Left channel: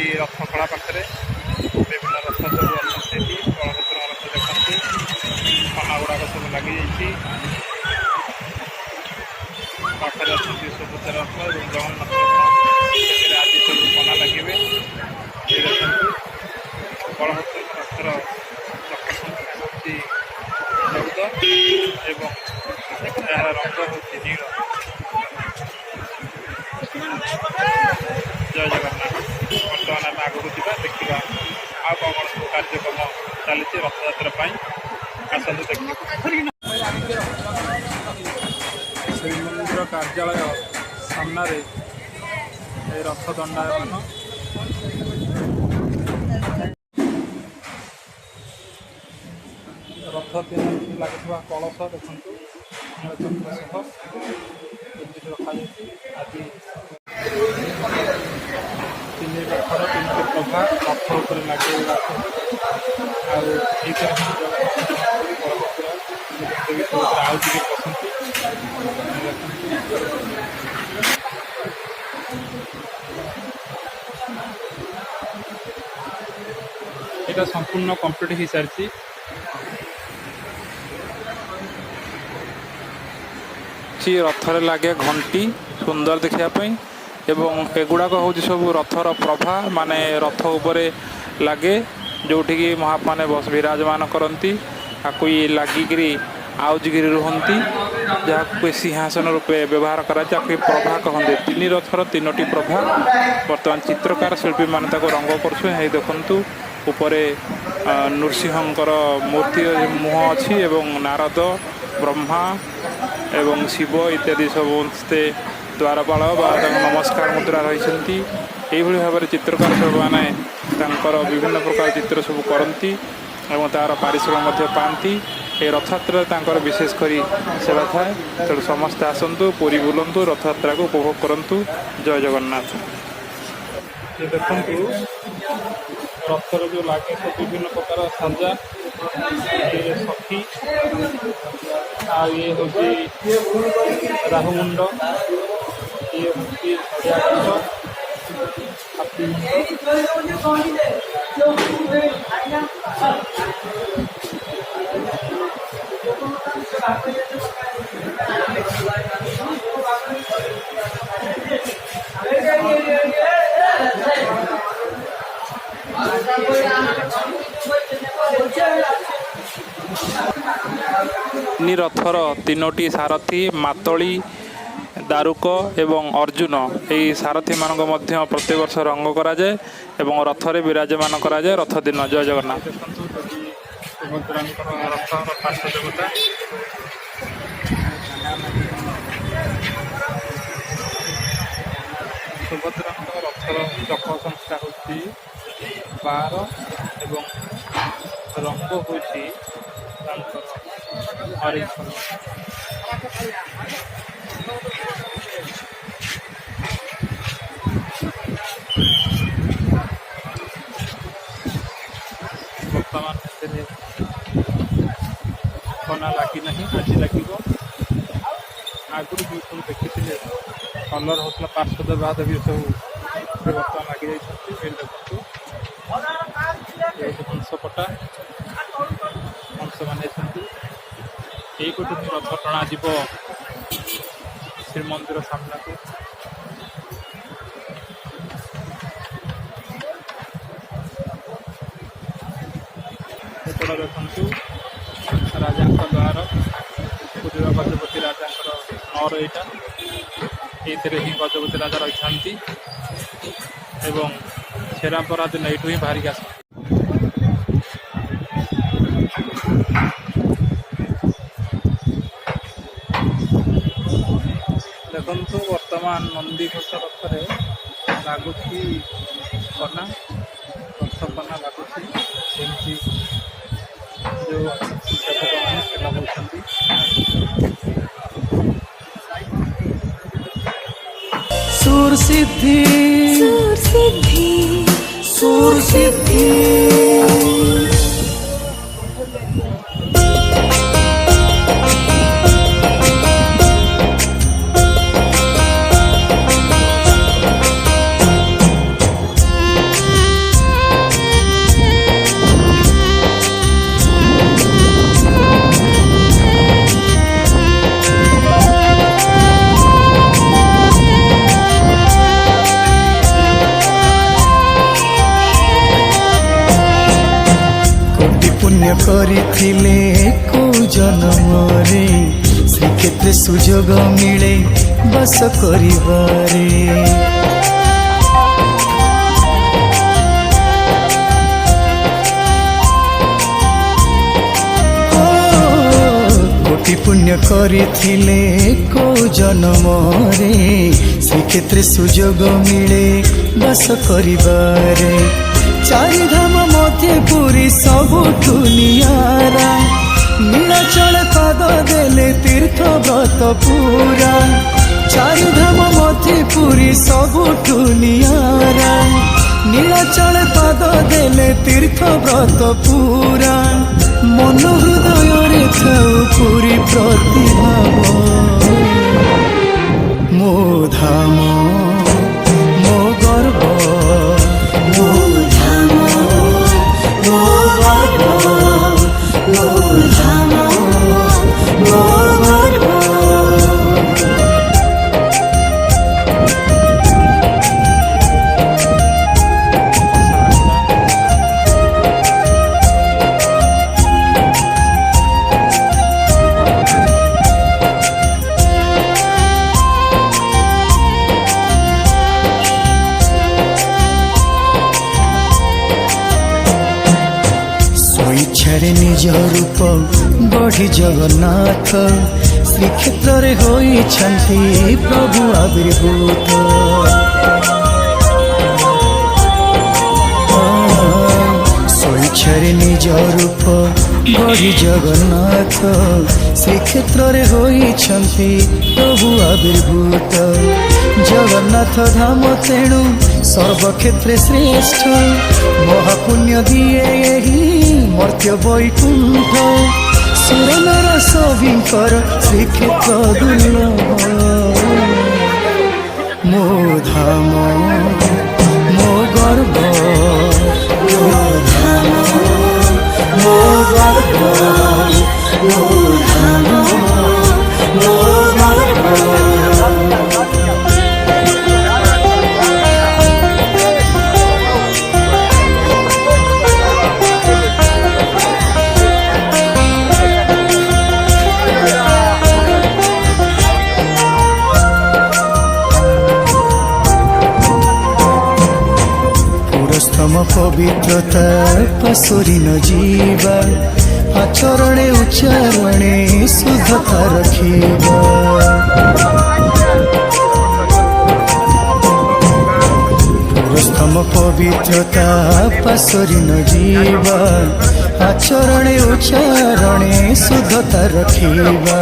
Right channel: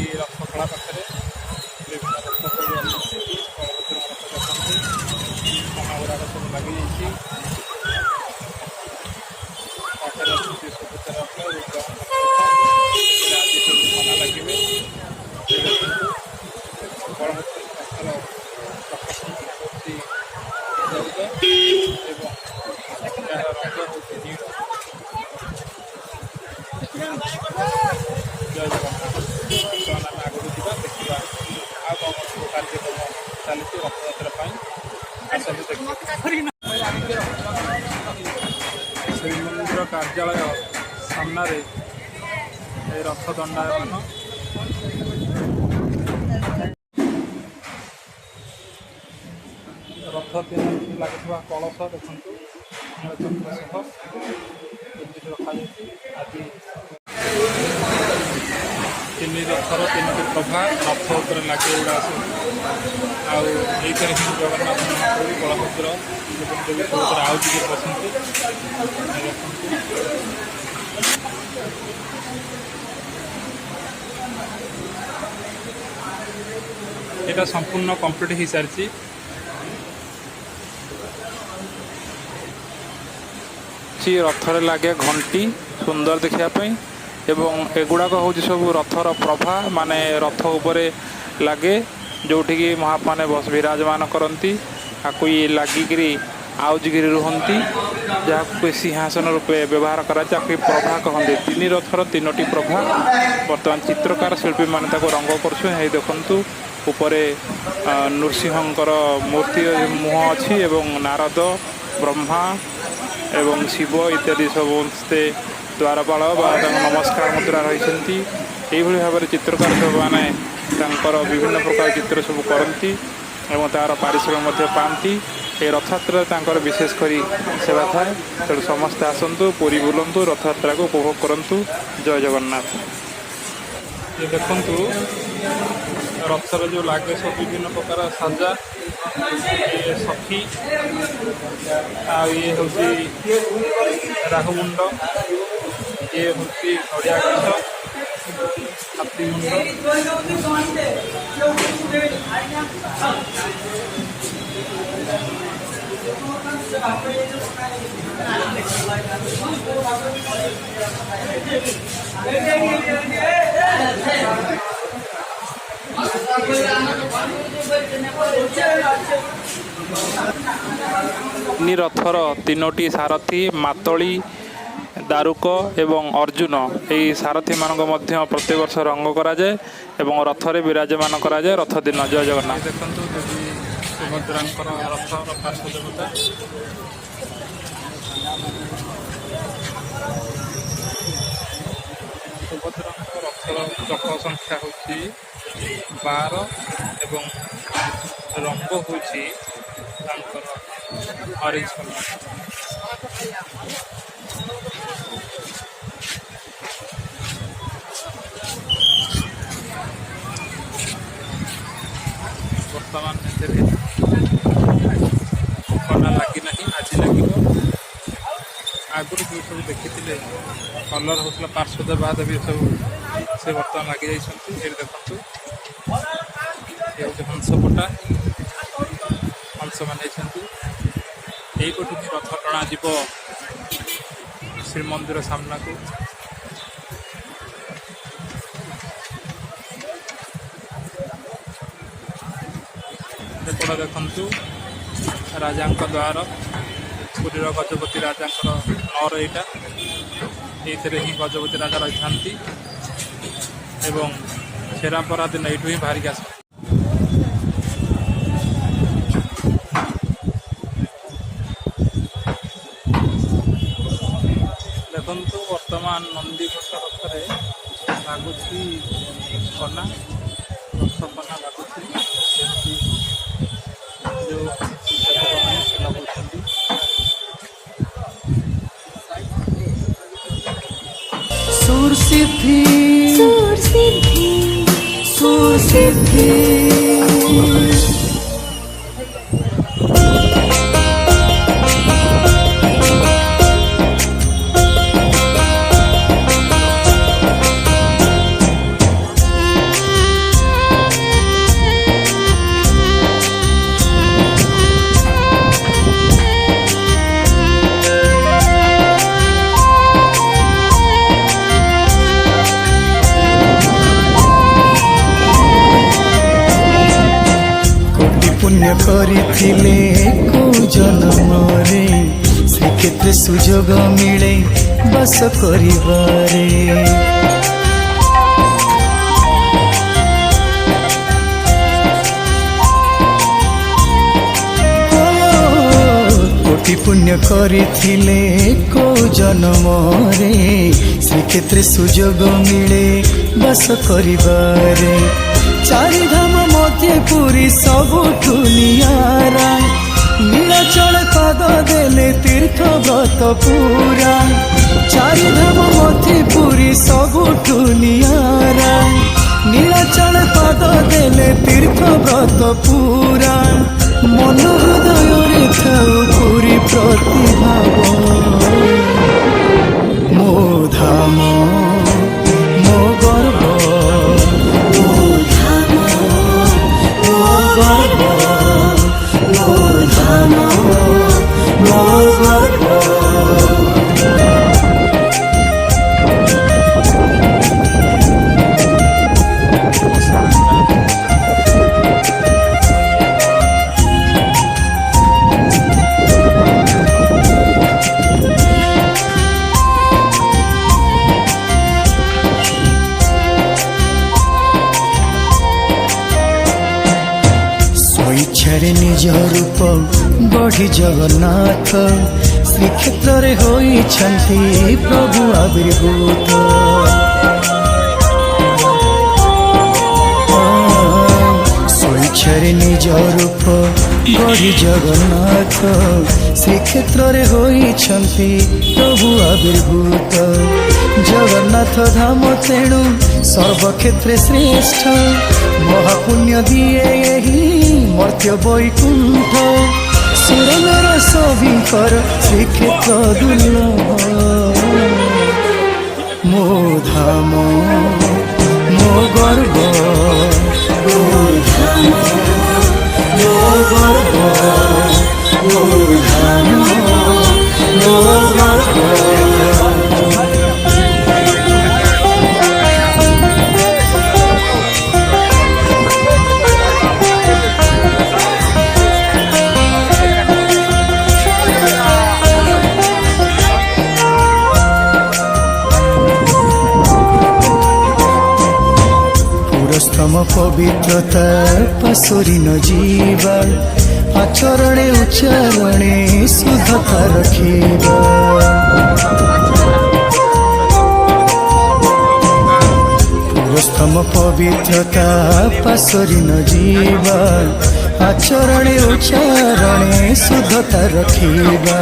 अच्छी रथखड़ा पाखे विभिन्न रथ सब अच्छा बलभद्र रथ देखते खना गुड़ाक सब लगी पाखे अच्छा सुभद्रा रथ और जगन्नाथ रथ आज सब खना लगे ये देखते बलभद्र रथर चक्र संख्या हूँ 14 और यार रंग हूँ नील। जय जगन्नाथ। बर्तमान आम आगक जा देखा आ कौन कौन सब कार्यक्रम चली रथयात्रा आसतु देखिए। श्रीमंदिर कार्यालय सामने रथ दंडायमान रथ तीन लगे कलश देखु रखा आज तीन रथर तीन प्रभा रथ उपर लगे गुड़ा सब आई जगन्नाथ महाप्रभु बलभद्र देवी सब आउ टे बसतु यहाँ संपूर्ण कंप्लीट हो सारी रथरे लगे घंटी सुंदर देखापी एवं एगुड़ाक हूँ सब रथर प्रभा माने रथ उपरे लगे जोटि की महाप्रभु बस विराजमान करती आपको ये लगिकी आउजिकी रुहति जहाँ सिंहासन रूपे व्यवहार कराए प्रभा कहते तीन रथर तीनोटी प्रभा बर्तमान चित्रकार शिल्पी मैंने रंग कर देखु उपरे नृसिंहकर मूर्ति मुह अच्छी एवं नारद ब्रह्मा एवं शिव इत्यादि समस्ते द्वारपाल नमस्कार मुद्रा रही भाव में चित्रकार सब माने विभिन्न प्रकार चित्र सब करती और तार पारिश्रमिक पाती ये रथयात्रा विशेषकर सेवा थाए तेणु समस्ते आसतु पुरी बुलतु रथयात्रा को उपभोग करूँ। जय जगन्नाथ। ये देखु रथर जो लगे सब विभिन्न प्रकार साजा ये सखी ये हूँ राहुमुंड ये हूँ नड़िया गछ हाथी मुंड रथर तीनोटी सारथी मातली दारुक एवं अर्जुन यही सारथी मानक मध्य प्रत्येक वर्ष रंग कराए एवं रथरे विराजमान कराए रथ दिन। जय जगन्नाथ। देखु देवी सुभद्रा रथर पार्श्व देवता सुभद्रा रथर चक संख्या हूँ 12 एवं रंग हूँ ऑरेंज कलर। बर्तमान खना लगी ना आज लगे आगुरी जो सब देखी कलर होता पार्श्व देवा देवी सब से बर्तमान लगी जाती देखु ये हूँ हंसपटा हंस मान यहीपटू ही रथ टणा जीव श्रीमंदिर सामना को। एपट देखु राजा द्वार पुरीर गजपति राजा नर यहाँ ये ही गजपति राजा रही था छेरापरा दिन यू ही बाहरिक आस देखु वर्तमान नंदीघोष रथरे लगुच कना रथ कना लगुच जो सेवक मैंने से लगाउछंती। सुर सिद्धि सुर सिद्धि सुर सिद्धि पुण्य करिथिले को जन्मरे श्रीक्षेत्र सुजोग मिले बस करिबारे कोटि पुण्य करिथिले को जन्मरे श्रीक्षेत्र सुजोग मिले बस करिबारे चारि धाम मध्य पुरी सबुठु नियारा नीलाचल पाद देले तीर्थ व्रत पूरा चारि धाम मध्य पुरी सबुठु नियारा नीलाचल पाद देले तीर्थ व्रत पूरा मन हृदय रे थाउ पुरी प्रतिभाव मो धाम मो गर्व इच्छारे निज रूप गढ़ी जगन्नाथ श्रीक्षेत्र रे होइछन्ति प्रभु आविर्भूत स्वेच्छारे निज रूप गढ़ी जगन्नाथ श्रीक्षेत्र रे होइछन्ति प्रभु आविर्भूत जगन्नाथ धाम तेणु सर्वक्षेत्रे श्रेष्ठ महापुण्य दिए यही मर्त्य वैकुंठ सुरनर सभिंकर श्रीक्षेत्र दुर्लभ मो धाम मो गर्व मो धाम मो गर्व मो धाम मो गर्व स्तम पवित्रता पसुरी न जीवा आचरणे उच्चारणे शुद्धता रखिबा पुरस्तम पवित्रता पसुरी न जीवा आचरणे उच्चारणे शुद्धता रखिबा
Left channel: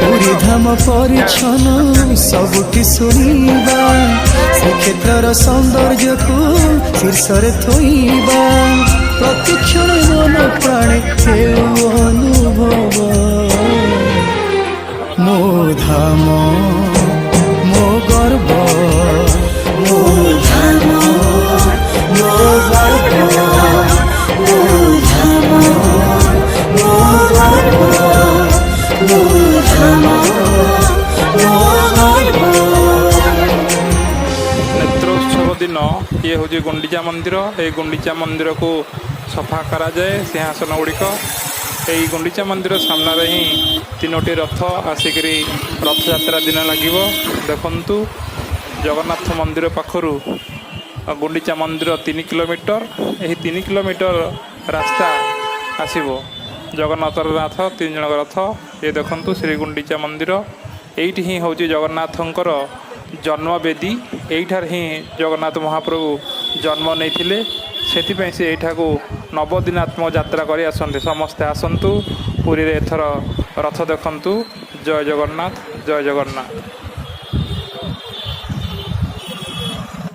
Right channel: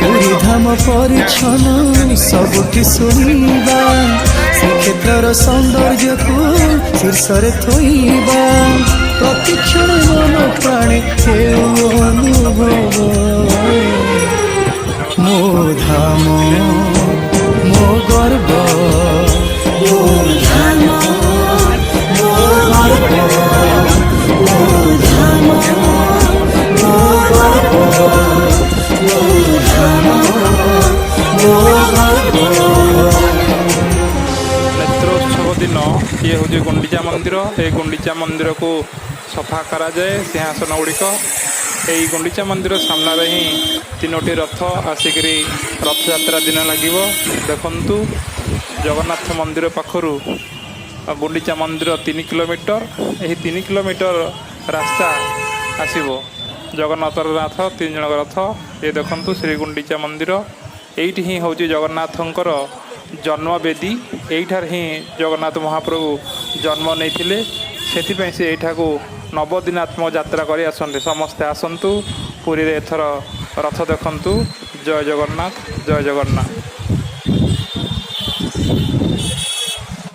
पुरी धाम परिच्छन सबुठी शुणिबा श्रीक्षेत्र सौंदर्य को शीर्ष रे थोइबा प्रतिक्षण मन प्राणे हेउ अनुभव मो धाम मो गर्व मो धाम मो गर्व मो धाम मो गर्व मो धाम मो गर्व नेत्रोत्सव दिन ये हूँ गुंडीचा मंदिर ये गुंडीचा मंदिर को सफा करा जाए सिंहासन गुड़िक यही गुंडीचा मंदिर सामने ही तीनोटी रथ आसिक रथ यात्रा दिन लगे देखु जगन्नाथ मंदिर पाखरु गुंडीचा मंदिर 3 किलोमीटर यही 3 किलोमीटर रास्ता आसब जगन्नाथ नाथ 3 जन रथ ये देखु श्री गुंडीचा मंदिर यही ही हूँ जगन्नाथंकर जन्मवेदी यहीठार ही जगन्नाथ महाप्रभु जन्म नहीं से से यठा को नवदिनात्मक यात्रा कर आसते समस्ते आसतु पुरी रे एथर रथ देखंतु जय जगन्नाथ जय जगन्नाथ।